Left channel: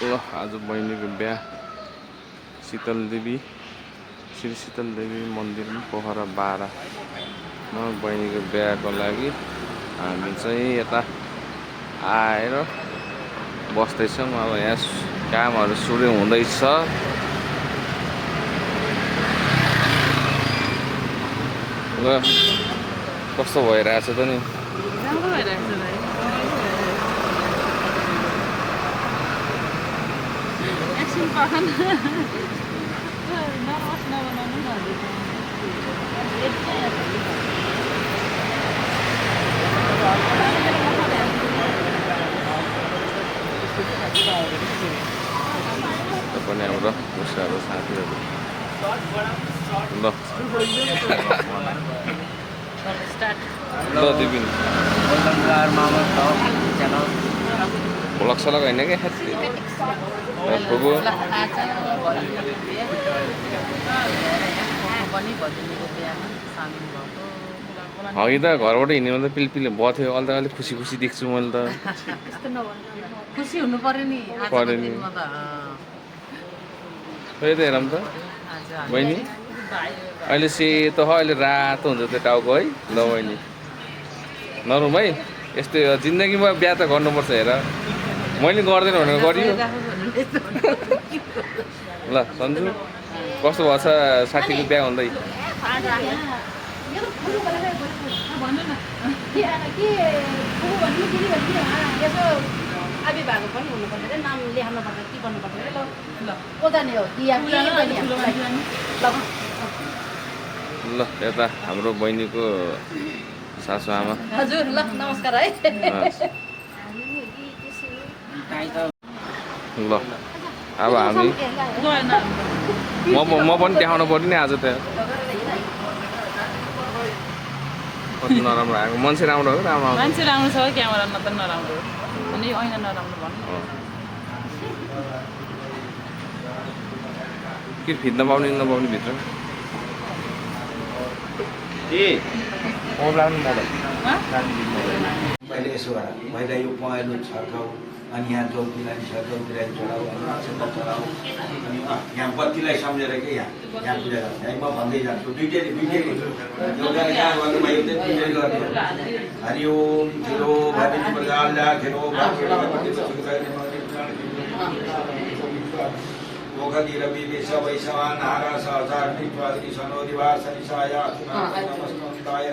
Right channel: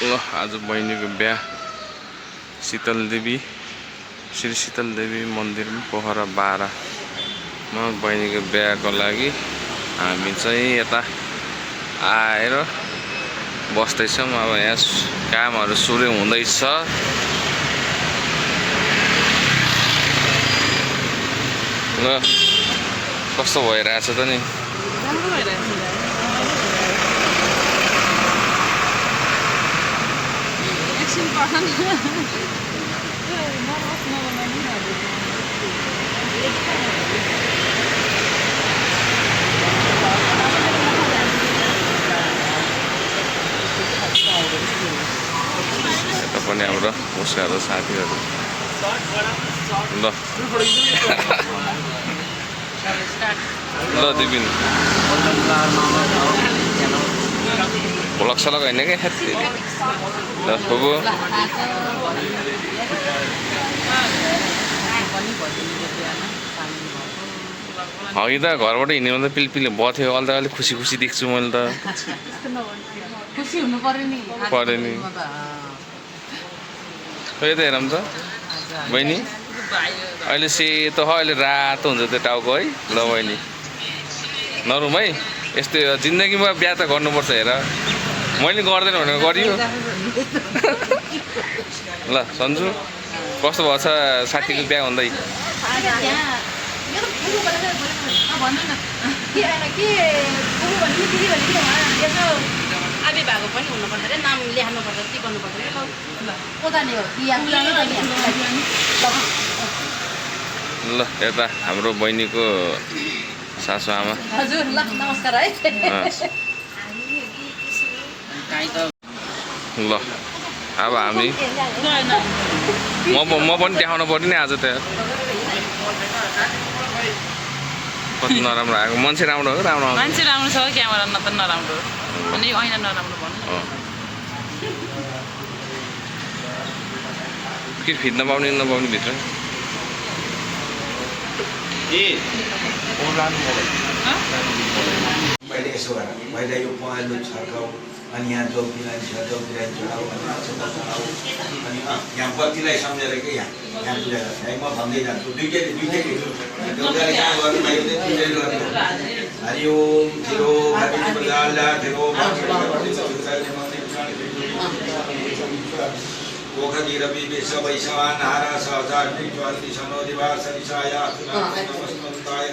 ल आज बहिनीको बिहा शीतलदेवी श्री शीतलदेवी मन्दिर पोखरा 12 मा बहिनीको बिहाको लागि हामी चाहिँ यता आएर बस्दैछौँ। अब यहाँ कामहरू सुरु हुँदैछ। ल कस्तो भइरहेछ त नि? यता पनि हाम्रो उसकाहरू साथीहरू ल ल दिपिन भ्लग सलग होइन क्या हेत्ती ल फुबु अघि त घरबाट हिँड्ने त पिलपिल बथ्यो। अहिले त अलिक खुसी खुसी देख्छु मैले त। खुसी हुनु पर्यो नि। खोइ त हेरौँ त बहिनी अहिले सेतो हो, अहिले रातो हुन्छ त्यो टाउको है। ल बहिनी नरुम है, यस्तै जिन्दगीमा बिहा त गर्नुपर्छ। हेर मैले गर्दैन भनेर गरियो। ल सन्जु कस्तो भएको छ साथीको बिहा हुँदै? आबी भएको पनि हुनुपर्छ रे, नाम लेख्नु पर्छ, के गर्नु पर्छ रे? ल यता हाम्रो बहिनीको सासु आमा। हजुर ल नमस्कार है। ल अब हामी म पनि देखाउनु पर्यो नि आज त। कति नराम्रो आएको। मान्छे राम्रो हो? राम्रो मान्छे राम्रो छ, क्यामेरा न त नराम्रो अनि ऐना नराम्रो भन्नु। के फिट्न पाउने नपाउने भित्र अनि यहाँ चौकी लाइन छ, चौकी लाइन चढाऊ अनि यहाँ बत्तीलाई सम्झेर के यहाँ पूजा गर्छ है। म भन्दै जान्छु दुईटै हरि ओम थिरो पोखरी रवि विश्व वैश्वान हारा सहचारी ज्वाली सनोदिवा सनिसाया नमस्ताय।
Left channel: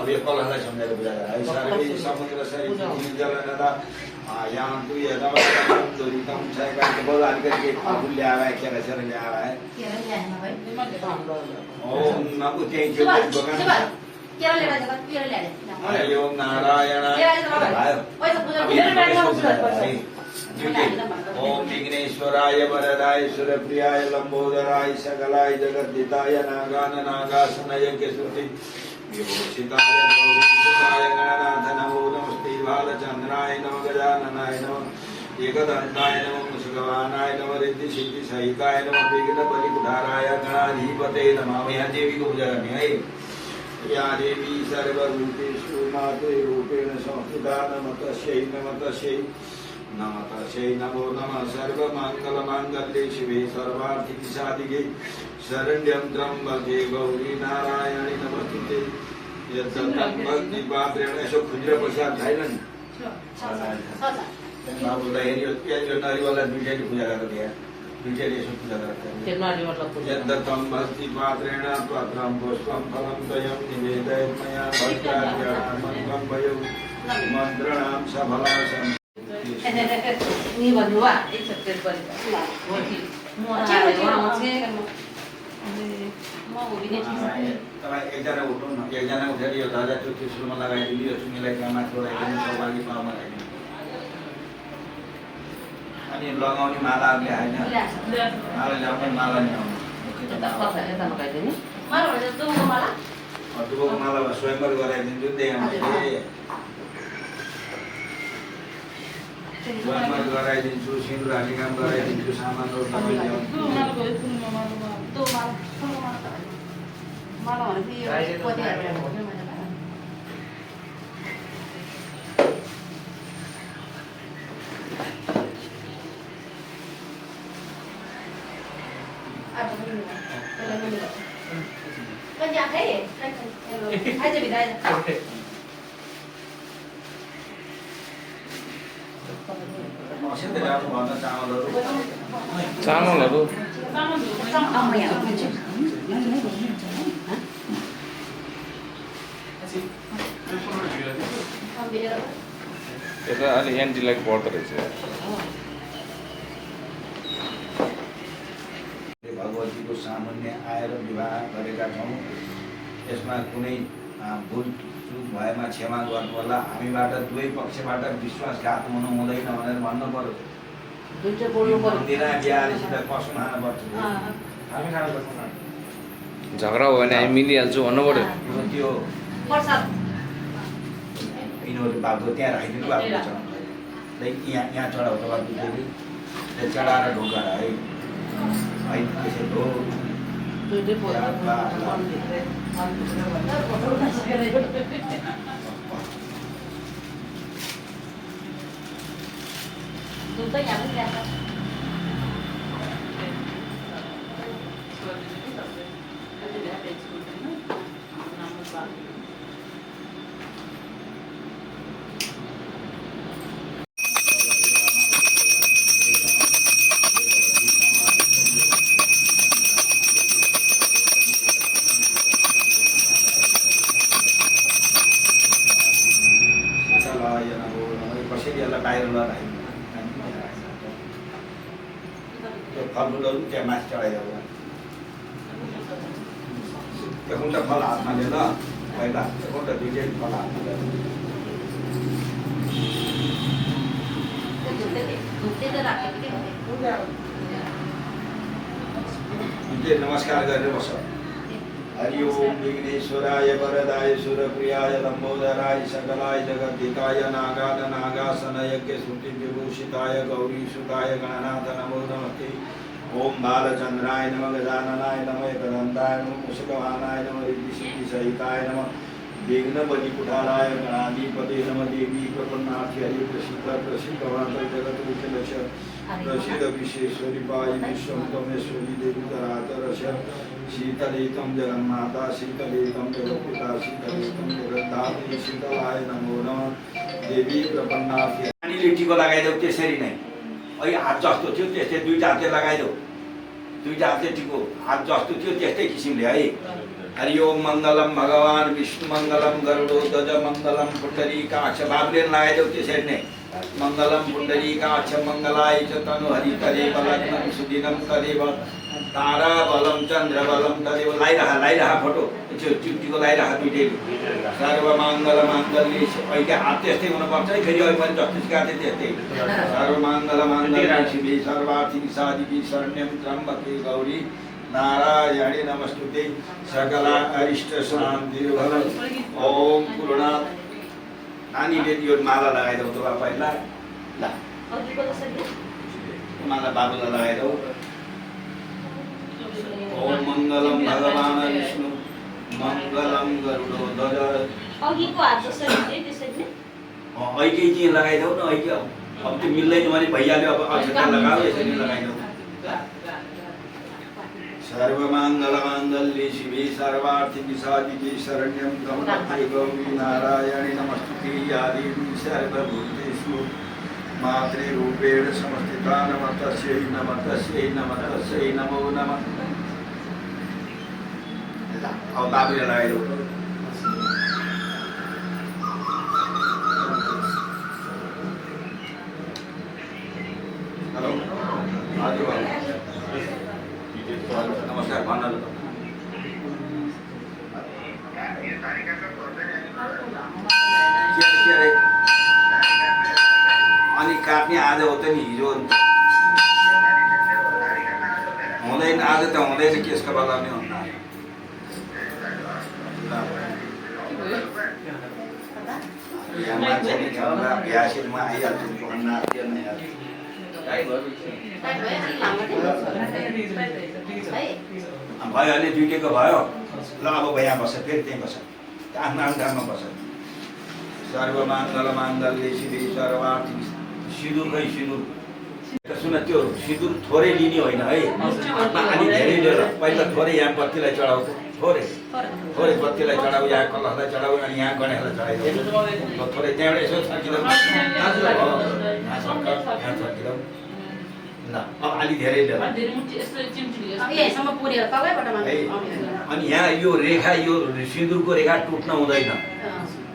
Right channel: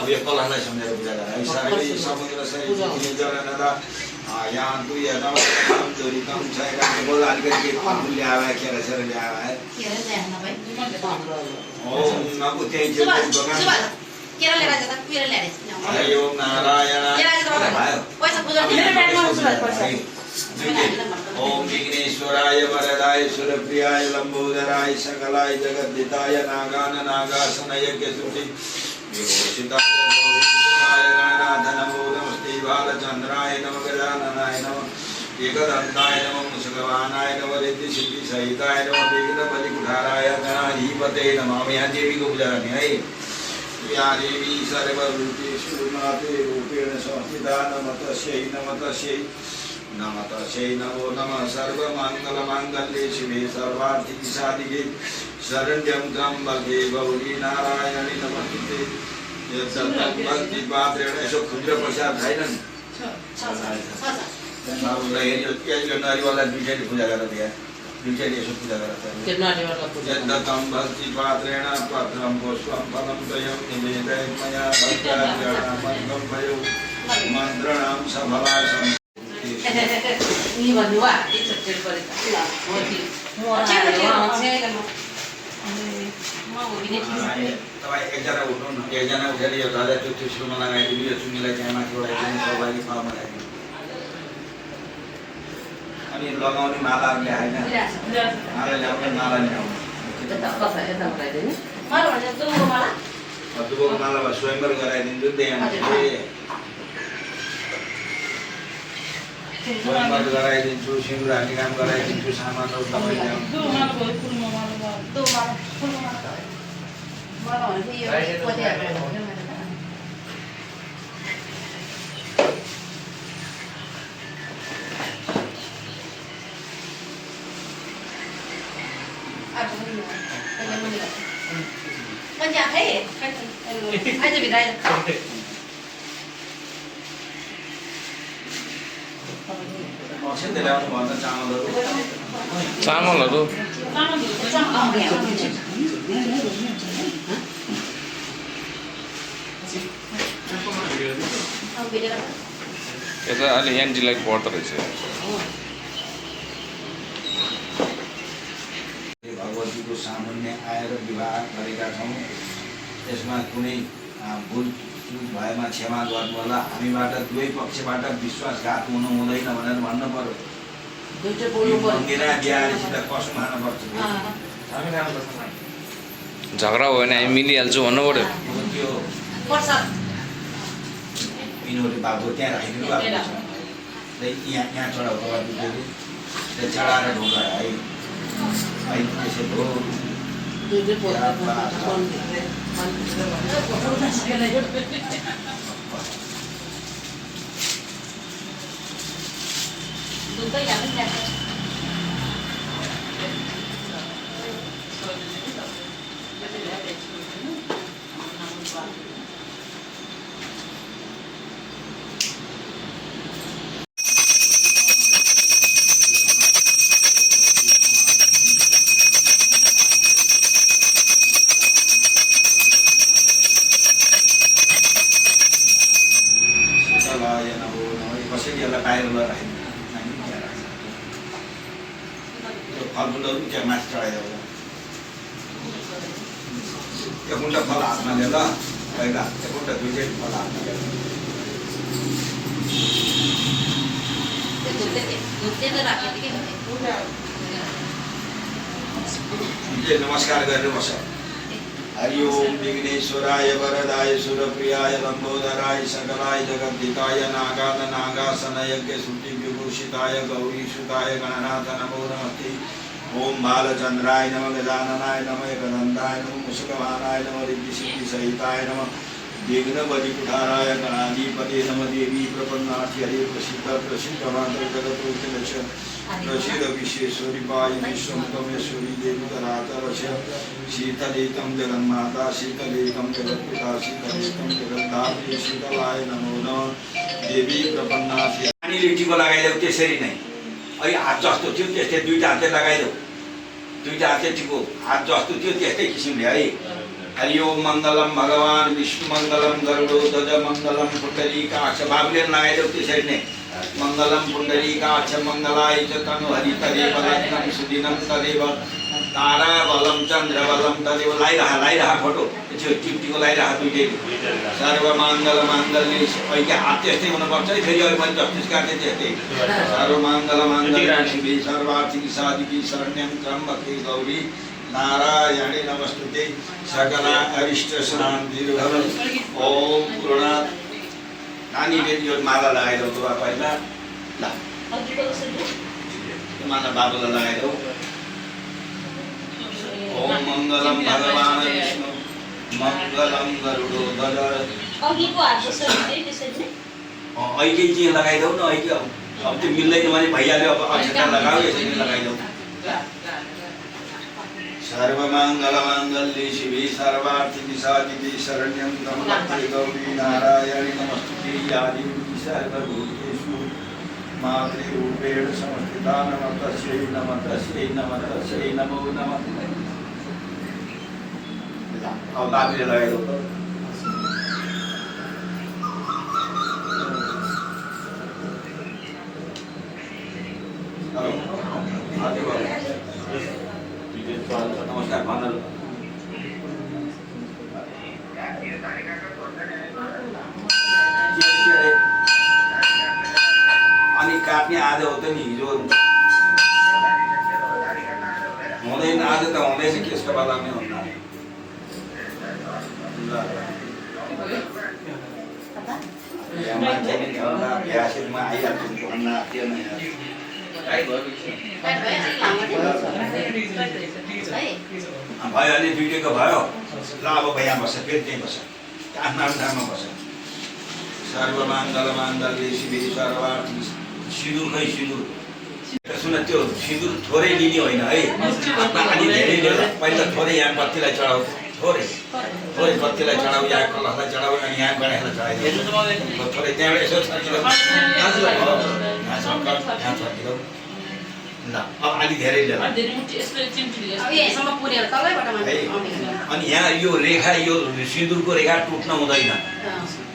अब यो कलहलाई सम्झेर पूजा गर्छ। सारै समुद्र सरी जल नदा यहाँ दुई दुरीकम छैन बोल अलिकति फुल ल्याएर केरा ल्याएर ओम नमो त्यही ओम नारायण ओम विघ्नेश्वराय वरदाय सुरप्रियाय लंबोदराय सकलाय जगद्दिताय नागान नागासनय केसुति योषिताय गौरीशुताय नारायण नमो नमस्ते बालचंद्राय नमो गजाननाय नमो एकदंताय नमो मुसलवानाय नमो रिद्धि सिद्धि सहिताय नमो विघ्न बलिकुठाराय गणाधिपते नमः। यहाँ देवी को पूजा करनी है। या देवी सर्वभूतेषु माते रूपेण संस्थिता नमस्तस्यै नमस्तस्यै नमस्तस्यै नमो नमः। सर्वमंगलमांगल्ये शिवे सर्वार्थिके साधिके शरण्यं त्र्यंबके गौरी नारायणी नमस्ते। भक्ति पात्रेण यसो खुन्द्र प्रसाद छैनन् नारीवाला दुईटैले पूजा गरेर दिए दुईटैले यसो पूजा गरेर यद्दतं भक्ति पात्रेण पत्रं पुष्पं फलं द्वयं निवेदयन्मया भक्त्यार्पणं भयो मन्त्रणां सफलाय एकजना उठ्नु न, एकजना उठेर यो ध्वजा त्यो सुरुमा लगाइदिनु, यो चुन्नीलाई त्यहाँ माथि लगाइदिनु, पाउमा लगाइदिनु। अनि लगाउने मालाहरूले होइन, माला ल्याउने माला ल्याउनु। दुबोको माला स्वयंवर गराइदिन्छु त्यहाँ स्वयंवर गराइदिन्छु, सिन्दुर हाल्ने काम गराइदिन्छु, सामानहरू सबै ल्याउनु। मसिन ल्याउनु भन्दा चामलहरू चामलहरू यता अलि एन्टीलाई पर्दो रहेछ। भगवतीको सामान्य आएर विवाह गरेका छौँ। यसमा कुनै भुल चुक भएमा क्षमा गर्नु होला। हामीबाट दुवै पक्षबाट विश्वासघात हुनु हुँदैन भनेर भन्नु पर्यो। मन्दिरा बिहारीसित कसम खानुपर्छ। झगडा भयो भने हामी मिलिहाल्छौँ भन्नु पऱ्यो। त्यो यिनीहरूले बाबु त्यहाँ राखिदिनु भएको छ। यहाँ चढाउँदा बाबुले चढाएर ढुङ्गा है त्यसो हो। कसरी यसलाई बाहिर त्यो फलफुलहरू त्यहाँ माथि चढाइदिएको एउटा फल हातमा लिएर पहिला एउटा दुईटै फल हातमा लिएर नमस्कार गरेर बस। हरि ओम विघ्नेश्वराय वरदाय सुरप्रियाय लंबोदराय सकलाय जगद्धिताय नागासन यज्ञ श्रुति विभूषिताय गौरीसुताय गणनाथ नमो नमस्ते। ओम बालचंद्राय नमः गजाननाय नमः एकदंताय नमः मुषकवाहनाय नमः रिद्धिसिद्धिसहिताय नमः विघ्न बलिकुठाराय गणाधिपते नमः। देवी प्रपन्नार्थी हरि प्रसिद्ध मात्र जगत प्रसिद्ध विश्वेश्वरी पाई विश्वमेश्वरी देवी तरातरश शीतलेकं जगन्माता शीतलेकं जगत्पिता शीतलेकं जगद्धात्री शीतलाय नमो नमः। देवी प्रपन्नार्थी पानीले टिको लगाइदेऊ त्यसरी नै अहिले हात जस्तो थियो त्यस्तै दुईटा हातले लगाइदेऊ। दुईटा हातले टिको हात जस्तो थियो त्यस्तै किसिमले है। हरि ओम मङ्गलम भगवान् विष्णु मङ्गलम गरुडध्वज मङ्गलम पुण्डरीकाक्ष बाबुले लगाइदेऊ त्यसरी नै। मङ्गलम पुण्डरीकाक्ष मङ्गलाय च तनु हरितदेव लग्नं सुदिनं तदेव ताराबलं चन्द्रबलं तदेव। लाइरह फोटो त्यो टिकटिको लाइरह दुईटै। सर्वमाङ्गलमाङ्गल्ये अहिले हात त्यस्तै हुनुपर्छ है। फेरि अहिले पनि जस्टिस काट्ने त्यस्तै। सर्वमाङ्गलमाङ्गल्ये शिवे सर्वार्थिके साधिके शरण्यं त्र्यम्बके गौरी नारायणे नमस्तुते। सकला अरिष्ट शान्तिर्भवतु। ओम पूर्णात् नानीले यो माला लगाइदेऊ त पहिला ल माला बाबुलाई लगाइदेऊ। ओम मङ्गलम भगवान् विष्णु मङ्गलम गरुडध्वज। अहिले चाहिँ लगाइदेऊ न। अहिले अब त्यो मिल्दैन भने भैयाले अब अक्षता लगाऊ यसरी लगाइदेऊ। सर्वमङ्गलमाङ्गल्ये शिवे सर्वार्थिके साधिके शरण्यं त्र्यम्बके गौरी नारायणे नमस्तुते। या देवी सर्वभूतेषु मातृरूपेण संस्थिता नमस्तस्यै नमस्तस्यै नमो नमः। अब बाबुले लगाइदेऊ। हेलो नमस्कार भन्नु। अनि काट्ने आज हो त नि हिजो हुँदैन। आज त हुँदैछ केसको लगाउने भन्दा बिहासमा आइहाल्छु भन्न थिएन। भयो भने दुइटैको भयो ल। अब भैया बस्छ फेरि त्यहीँ बस्छ आफ्नो आफ्नो ठाउँमा बस्छ। सर्वमाङ्गलमाङ्गल्ये शिवे सर्वार्थिके सिन्दुर खै सिन्दुर सुन सुन त्यो सिन्दुर थोरै लिने होइन है अलि धेरै लिएर पहिला थोरै यहाँ बत्तीलाई चढाउ थोरै थोरै बत्तीलाई चढाउ यहाँ कलशलाई चढाउ अनि यहाँ गणेशलाई चढाइदियो थोरै त्यहाँबाट यसो छर्किँदा ल अब अलि धेरै लिएर अनि यहाँ यो रेखा यो सिन्दुरको रेखा टुट्न हुँदैन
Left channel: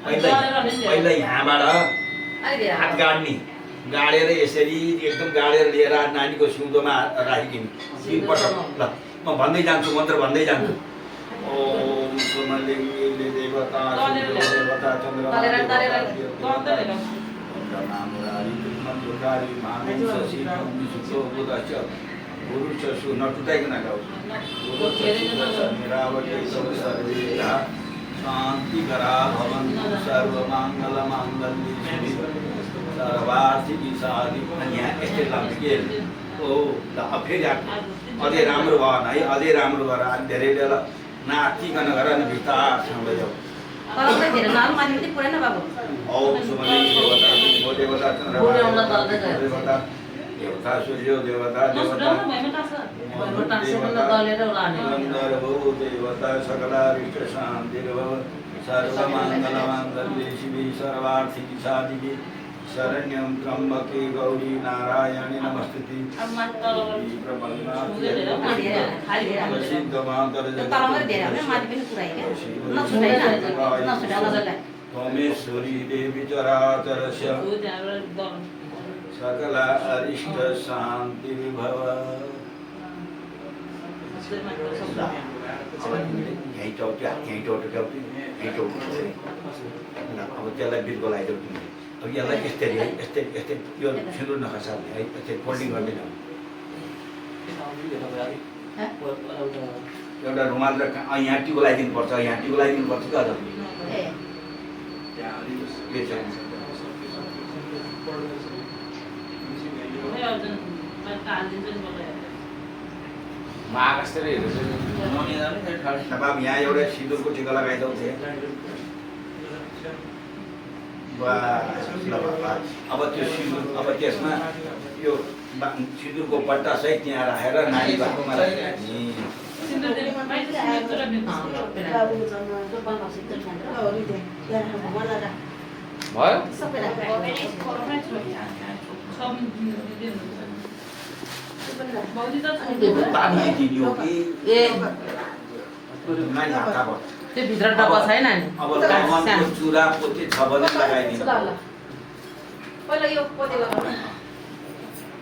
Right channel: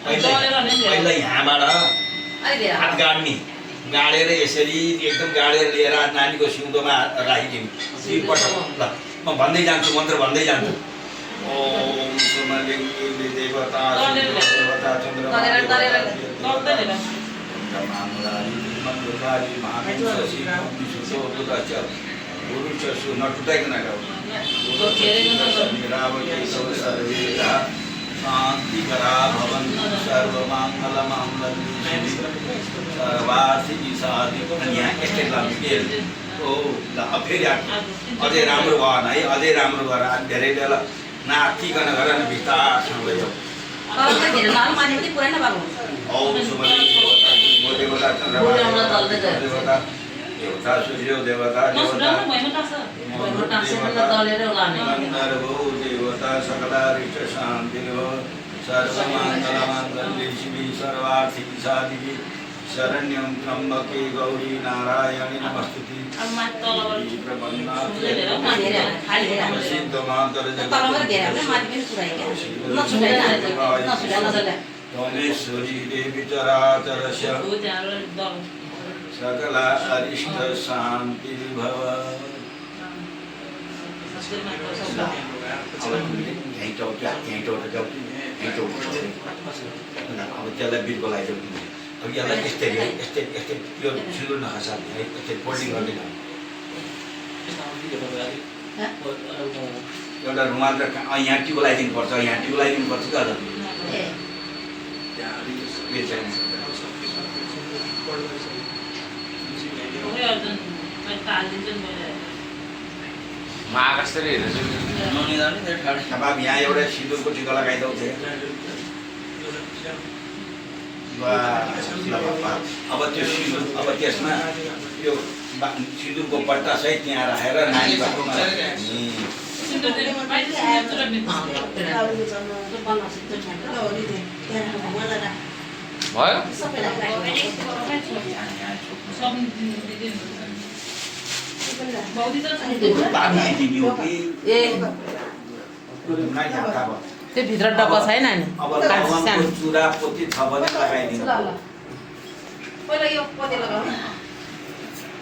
पहिला यहाँबाट हात गाड्ने गाडेर यसरी एकदम गाडेर लिएर नानीको सिउँदोमा राखिदिनु ल म भन्दै जान्छु मन्त्र भन्दै जान्छु ओम सुमलिङ्गी देवता देवता चन्द्रमा नटुटाइकन गाउँ शांति करा भवन सर्वमंगल मांगल्ये सर्वार्थी साधि यहाँ यस्तै लाग्यो ओ ल फेरि अझै राम्रो भएन है अझै राम्रो भएर धेरै बेला नातिकन गर न बिस्तारसँग लैजाऊ ओम सुमलिङ्गी देवता देवता चन्द्रमा देवता देवता सूर्य देवता गन्धर्वो देवता सकला ऋच शान्तिर्भो सर्वमङ्गलमाङ्गल्ये शिवे सर्वार्थिके साधिके शरण्यं त्र्यम्बके गौरी नारायणी नमस्तुते त्वमेश्वरी देवी चराचरस्य सकला अरिष्ट शांति भव अब त्यसलाई बिर्को लगाइदियो अब यसलाई यस्तै यस्तै यस्तै यो सिन्दुर नखसाल्ने है यस्तै फोल्डिङ गर्दैन एउटा रुमाल र यहाँ टिको लगाइदिनु पर्छ यहाँ टिको लगाइदिनु पर्छ क्या महाकाशरी हेर्दैछु बाबु यहाँ एउटा सिन्दुरको टिका लगाइदेऊ अब त्यो सिन्दुर अब त्यसमा त्यो सिन्दुरको पट्टा सहित त्यहाँ राखेर नानी बाबुमा त्यो भित्र डब्बा छैन नि अब चुरा पोती छ भने लगाइदिनु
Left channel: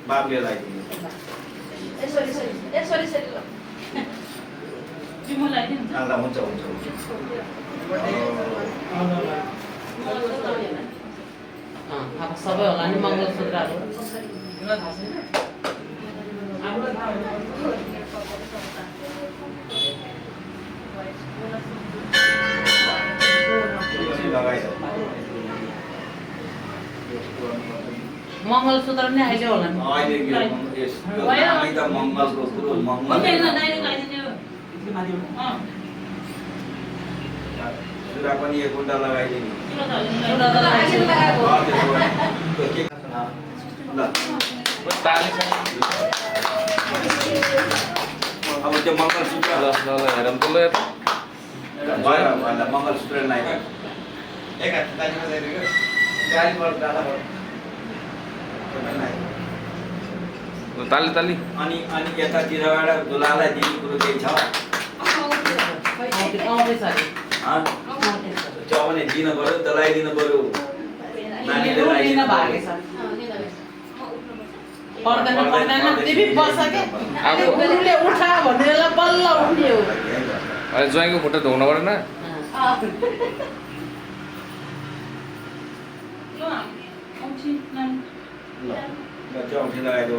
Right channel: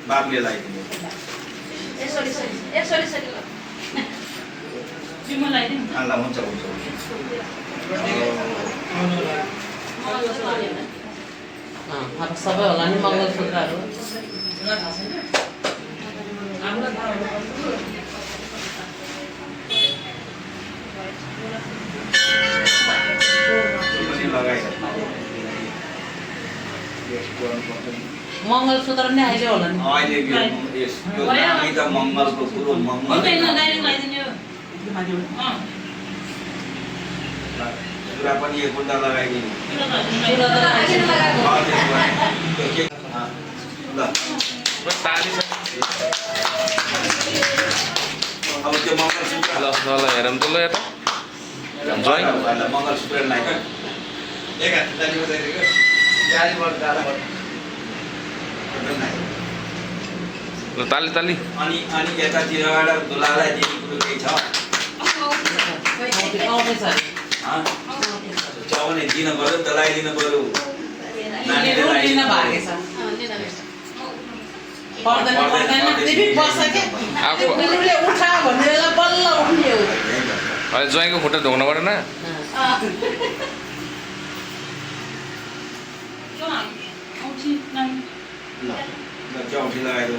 बाबुले लगाइदिनु ल हुन्छ हुन्छ सबै होला नि मङ्गलसूत्रहरू मङ्गलसूत्र नि अहिले होला नि अहिले त मङ्गलको कुरो मङ्गल चुरा पनि एक घन्टा लगाइदिनु अब त्यो मङ्गलसूत्र हेरौँ त ल यता मङ्गलसूत्र गाडीबाट जाँदा ताली ताली अनि यतातिरबाट दुलालाई दिने कुरो केही छ चौने दिन पर्यो दलाइदिनु पर्यो ज्वाइँको खुट्टा ढोक्नु परेन चौठी लगाइदेऊ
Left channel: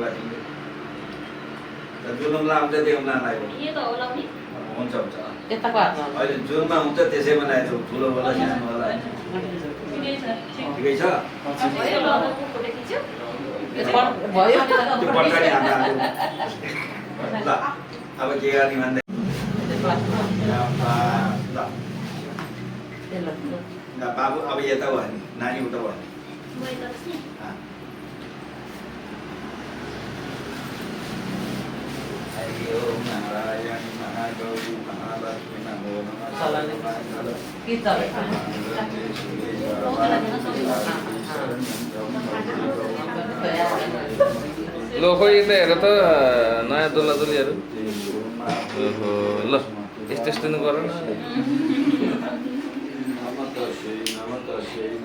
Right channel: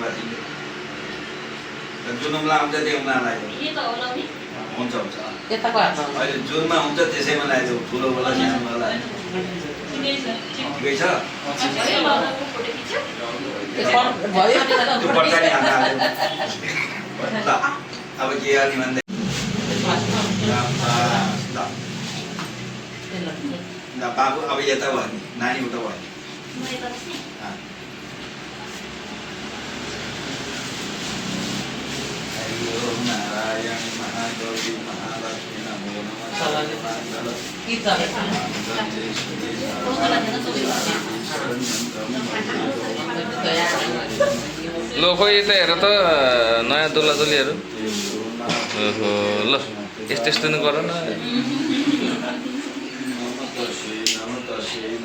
जुनमा आउँछ त्यसमा लगाइदेऊ हुन्छ हुन्छ अहिले जुनमा हुन्छ त्यसैमा लगाइदेऊ ठुलो होला सानो होला ठिकै छ त्यो पट्टाले ल अब के गर्ने भन्दै ल बाबु अब यता भयो नि नानी उता भयो नि नारायणी महागौरी महालक्ष्मी नमो नमः लो खोइ यता हेर त नयाँ दुल्हा दुल्हीहरू ओहो ल यस्तो यस्तो नि गर न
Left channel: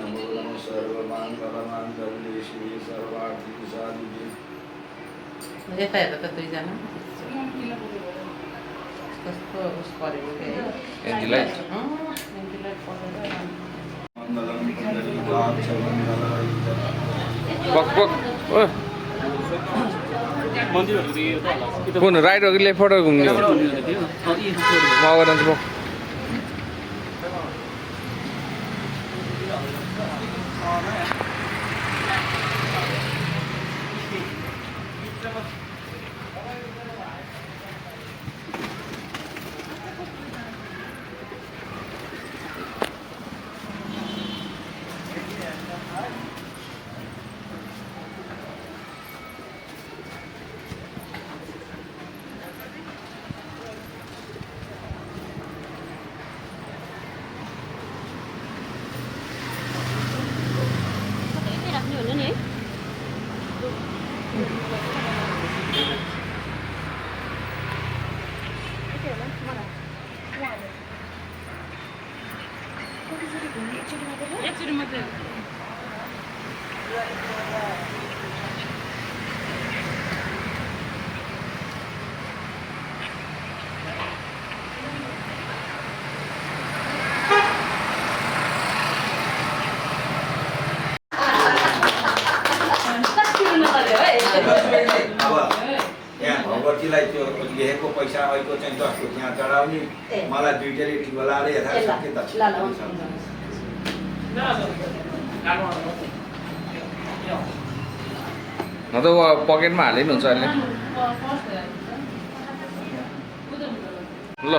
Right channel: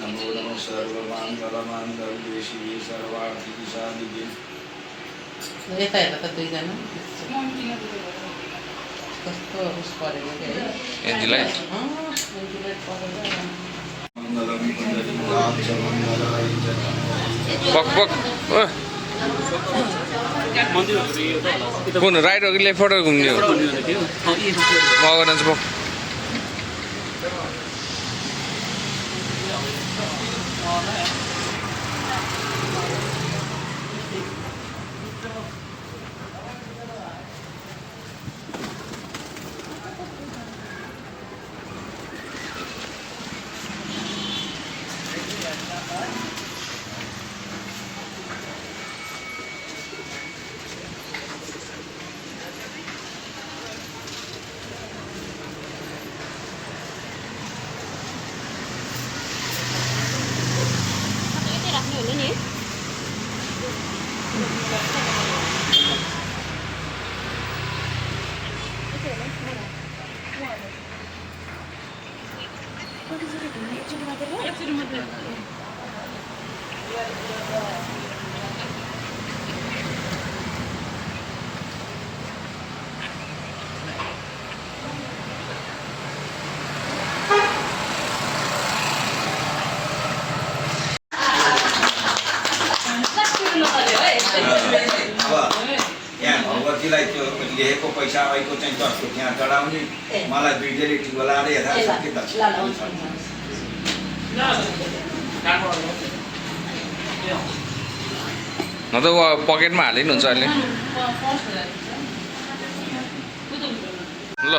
नमो नमः सर्वमङ्गलमाङ्गल्ये शिवे सर्वार्थिके साधिके यता हेर त दुईजना कस्तो उस परेको थियो एन्टिलाइट मङ्गलं पुण्डरीकाक्षमङ्गलाय पक पक ओ कुन राइट हो कि लेफ्ट घुम्ने हो म अगाडि जान्छु पक यहाँ भगवतीलाई त्यो लेखेको पैसा अहिलेको चाहिँ 10 रुपियाँ चढाउने मलाई 2 डेली ठिको लाएर यथाशक्ति दक्षिणा न त पकेटमा हालिनु हुन्छ अहिले ल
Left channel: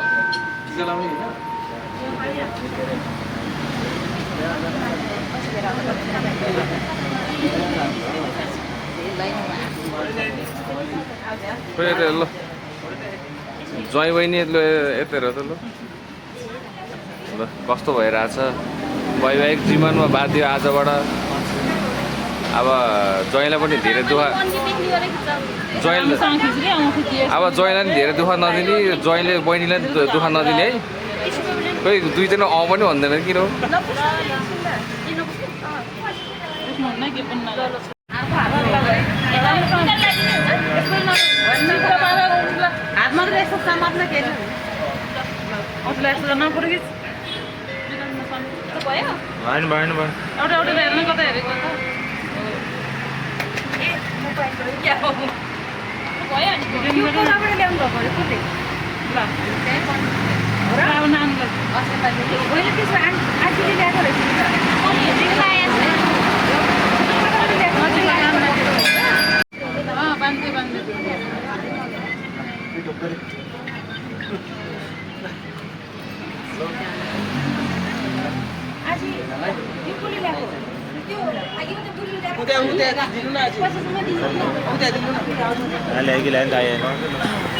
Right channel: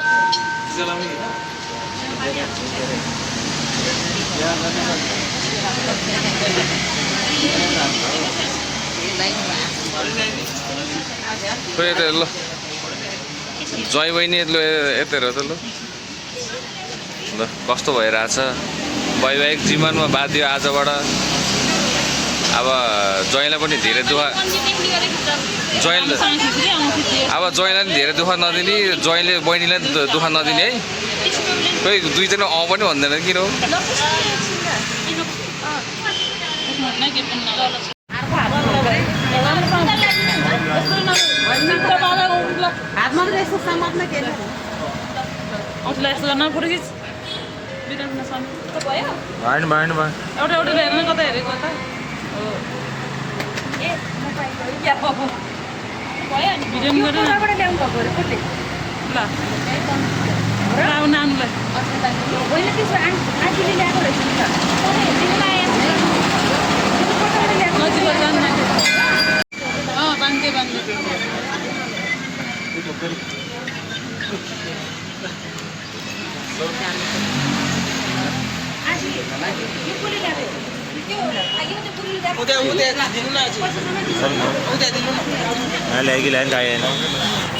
खोइ यता ल ज्वाइँ बहिनी ल यता हेर त ल ल कस्तो भइरहेछ वैवाहिक जीवनमा बाध्य आजबाट अब ज्वाइँलाई पनि धेरै दुःख ज्वाइँले अब ज्वाइँलाई पनि धेरै दुःख नदिने ज्वाइँले बहिनीलाई दुःख नदिने है खोइ दुईजना अँ पनि भन्दैन किन हो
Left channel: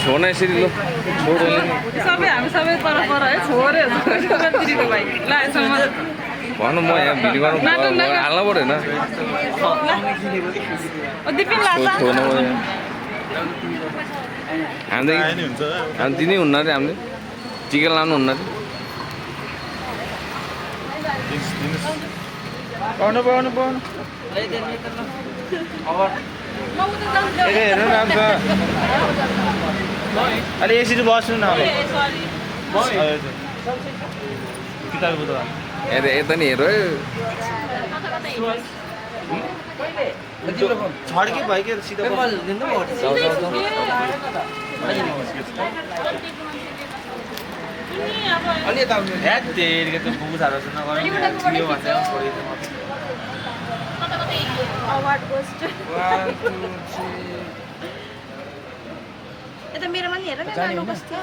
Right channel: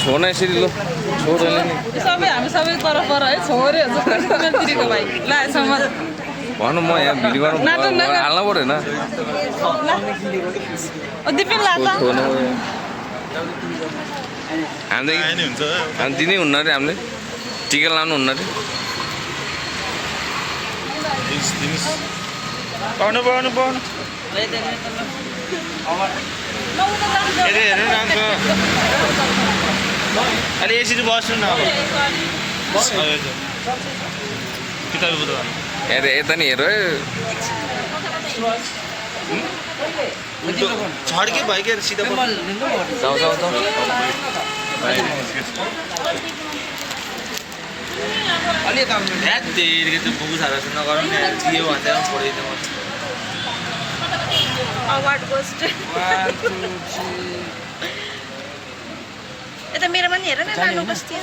छोड्न यसरी ल छोड्दैन नि भन्नु म यहाँ भिडियो गर्नु हाल्न पऱ्यो होइन हामी दिनै हुन्न अरे हामीले टिका लाउनु हुन्न अरे अलि यसरी बस्नु न यता नि हेर छड्के भयो के सिधा जाऊ जाऊ जाऊ अलि यता ह्याट तेरिके त्यो बुबु थाहा नगर्नु थियो भन्दा छोडिदिनु अवार्ड गोस्ट यता मेरोमा नि हेर न नानो कस्तो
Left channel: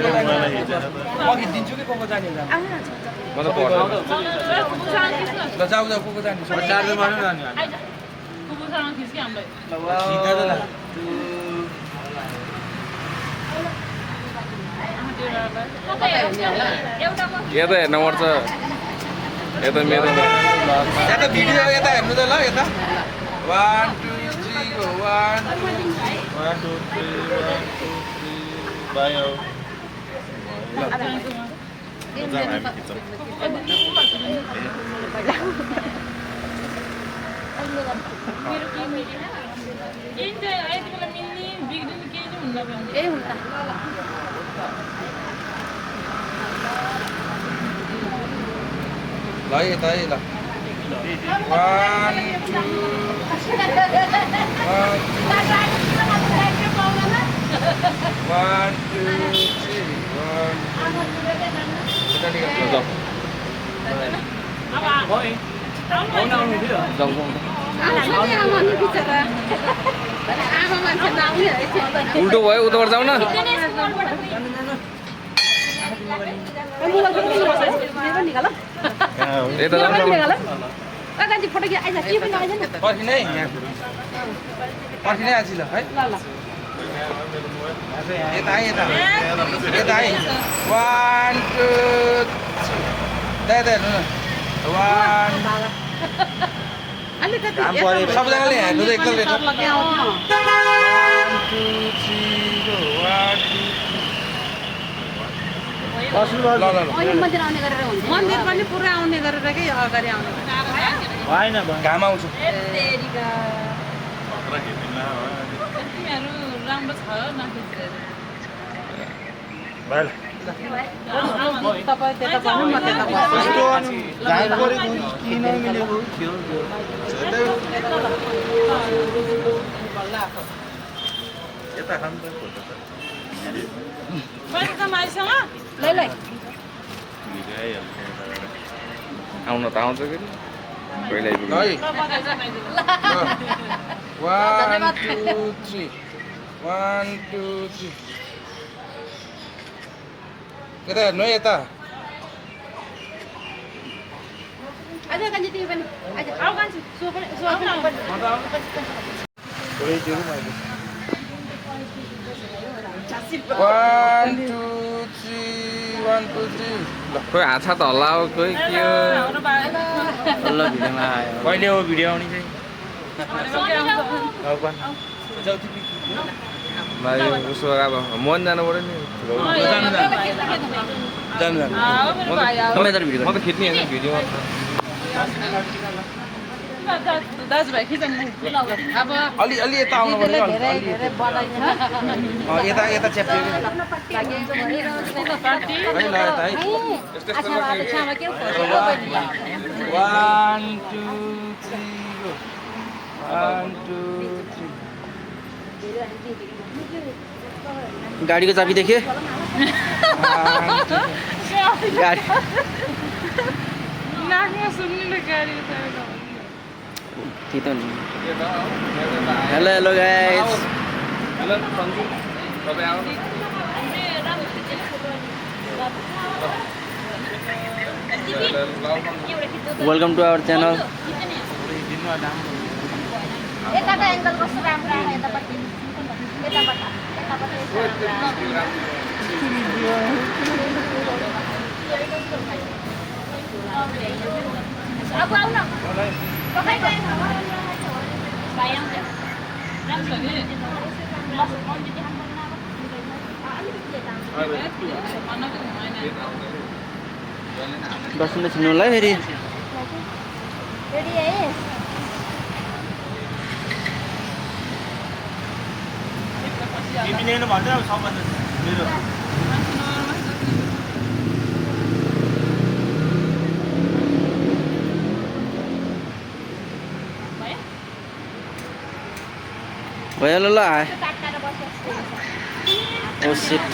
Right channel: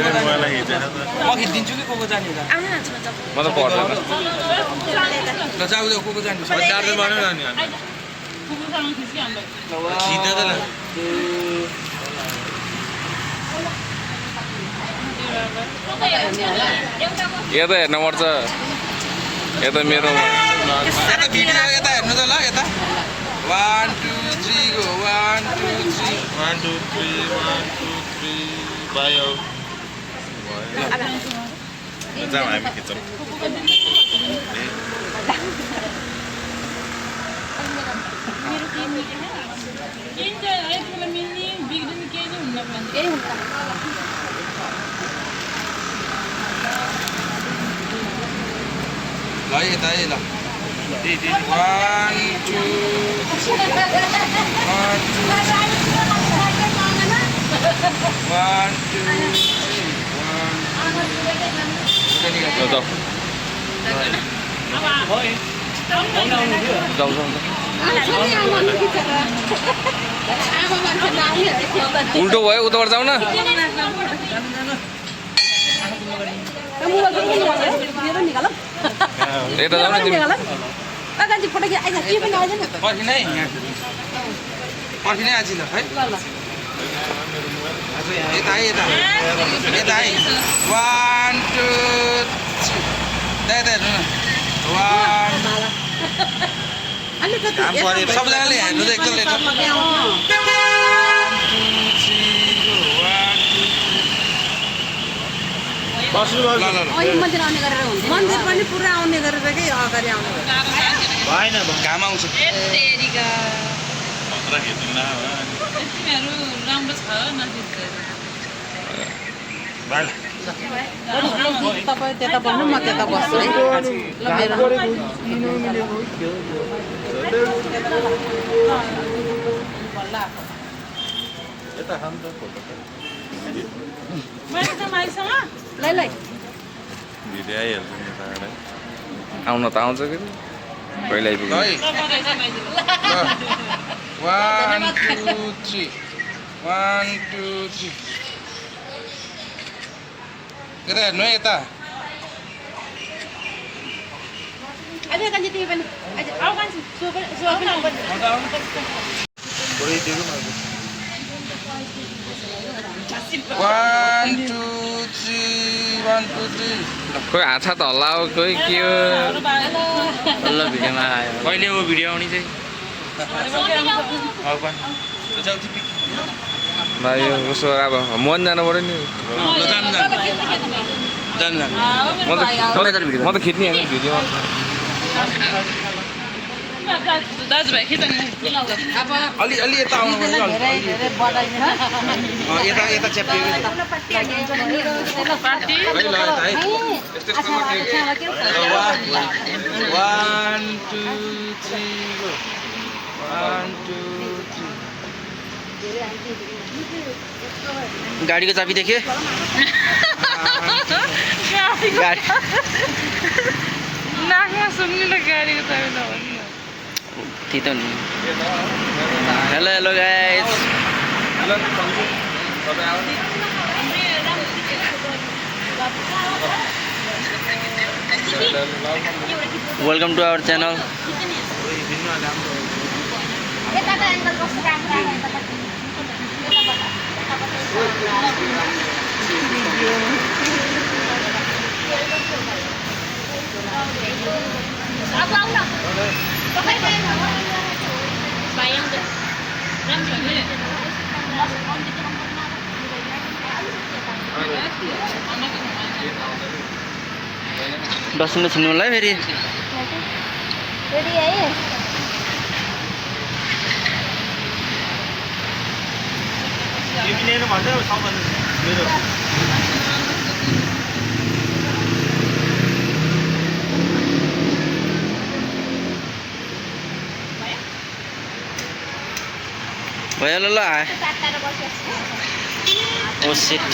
मेरो मोबाइललाई हिँडेन त म खिचिदिन्छु कि कोको जाने होला आउनु न म त पढ्दैन ल जाऊ जाऊ कोको जाने चार्जरमा नै लाने खिच्दा त ल कता हेर्ने होला यता हेर्न पर्छ यता मेरो यता भिडियो यता हेर्नु त ल यता 1 2 3 गो 1 2 3 भयो जाऊ हामी खिचौँ केही हुन्छ ल यता है ल 1 2 जाऊ उल्टो भयो उताबाट जाऊ न यता जाऊ न तिमी पर्खिनै पर्खिनै आजी ल है यता है यता यता है 1 2 यता हेर्नु न 1 सबैजनाले हेर्नु त एकल ल मन्दिर पनि पुरा आउने गरेर के अगाडि आउने भएन घाम आउँछ खतरा खेल्दिन राम्रो छ नखिच्दै तपाईँ त्यता बस्नु म त्यता बस्छु यता खानु त फोटो लै लै भिडियो आइहाल्छ यताबाट आउन त आउँछ कि पहिल्यै है 1 2 3 1 2 3 यता हेर्नु है यता अझ कान्छी तिमी पनि अझ आऊ कान्छी सो पनि पुरै दिनु न 1 2 3 1 2 3 कोही हाछा त हल्ला हो कोही के हो ल भिडियोमा आयो कहिले हो भिडियो आउने चाहिँ जाऊ तिमी भाइ उसो अब मन जानु पर्यो नि जानु म त खिच्ने होइन भिडियोमा दाजुभाइ खिच्नु अब अलि अलि यता आउनु दिदीलाई धेरै धेरै बधाई यता यता च्याप्टियो पार्टी है ल यता है 1 2 3 go 1 2 3 गाडीको चाबी देखे गाडी नाकमा सुन्ने गाडीको चाबी नभन्नु त्यही त नि hello hello guys hello Sanju तपाईँ आउनु वेलकम टु आवर च्यानल यताको एङ्गल कस्तो राम्रो आयो यतापट्टि यताबाट अब आऊ न तपाईँ गए भाइ आउँछ राम्रो डस्टबिनमा छिन्नु होला है फेरि रेडी है तिमी लिनु भन्दै अब सामान मेरो भयो ल ओ सिट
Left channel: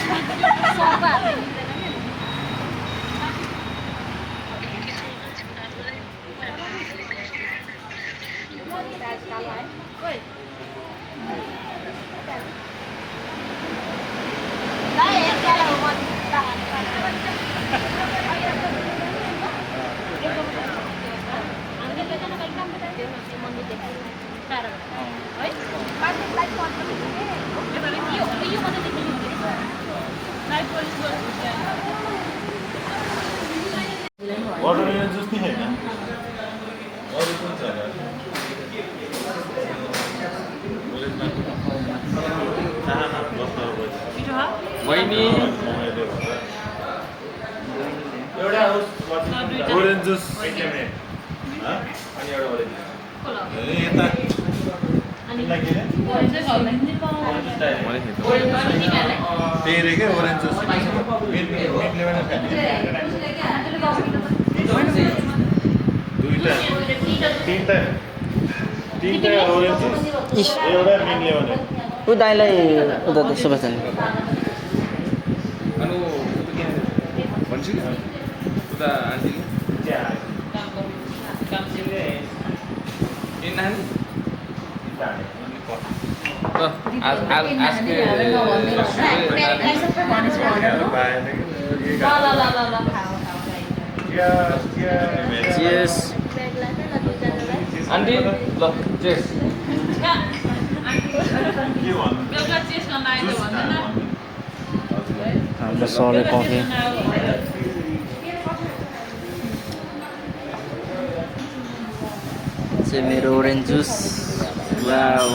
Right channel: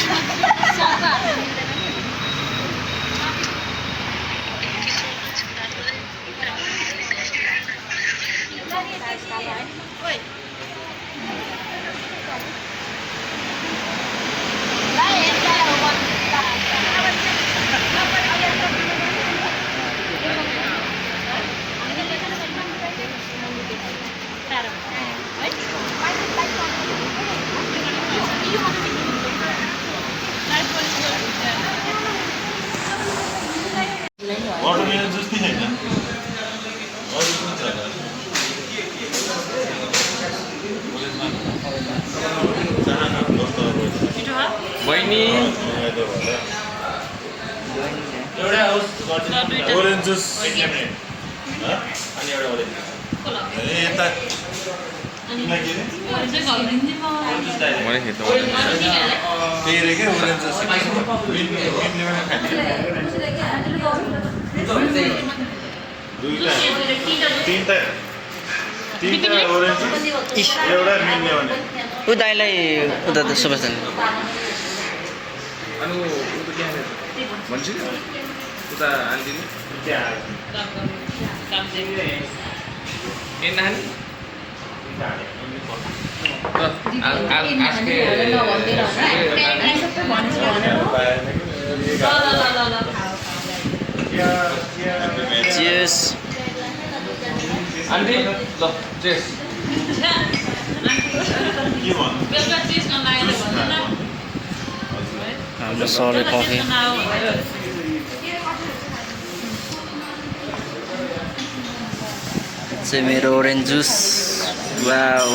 वाटरमेलन जुस नि छैन अरू कुन छ होला बहिनी एउटा होस् ओरेन्ज जुस अनि एउटा ओरेन्ज अनि यता किन के मैले खेत के रे के ओरेन्ज जुस मिनले दुईटा तीनटा ओरेन्ज जुस एउटा मिनले भने ऊ दाइलाई उता सुभाष दाइ अनि भन्छ उता हालिदिनु ए नानी चियर्स आन्टी ल चेस के भन्नु हाम्रो सरले कफी चाहिँ मेरो ओरेन्ज जुस वाउ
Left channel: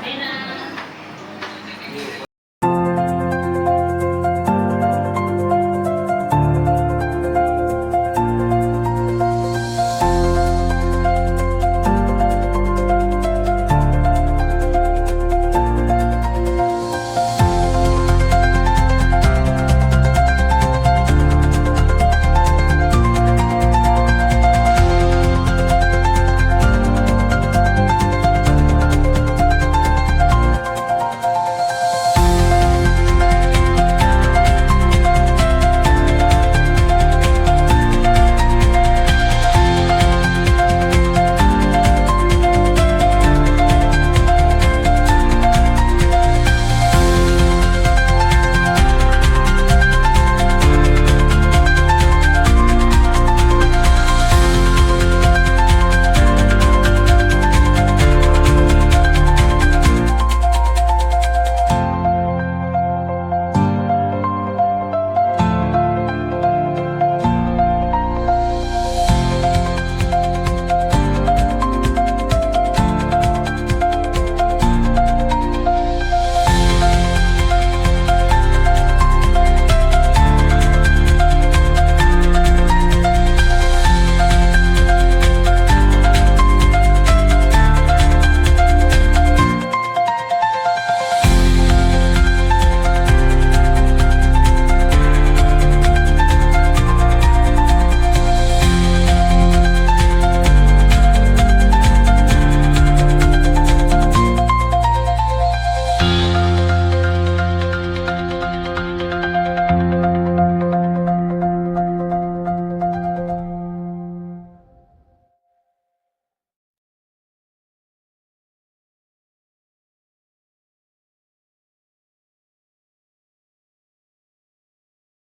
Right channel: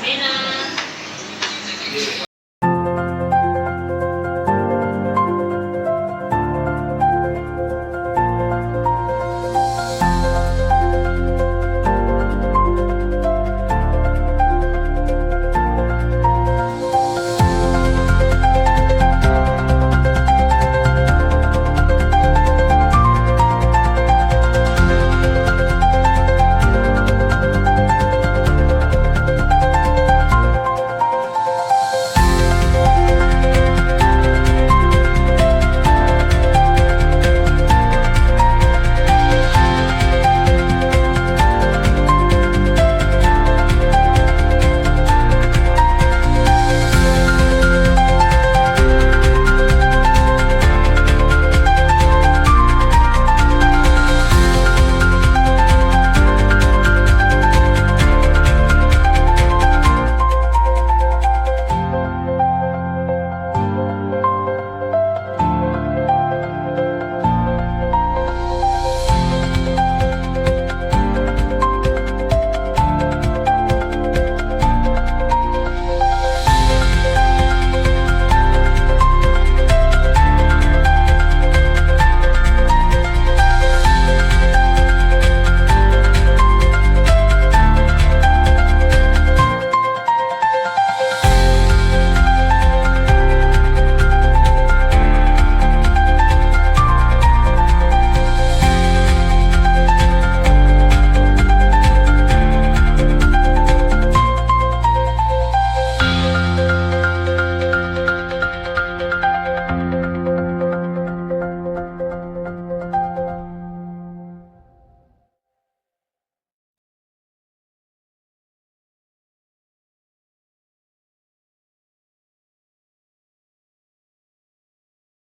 Bena.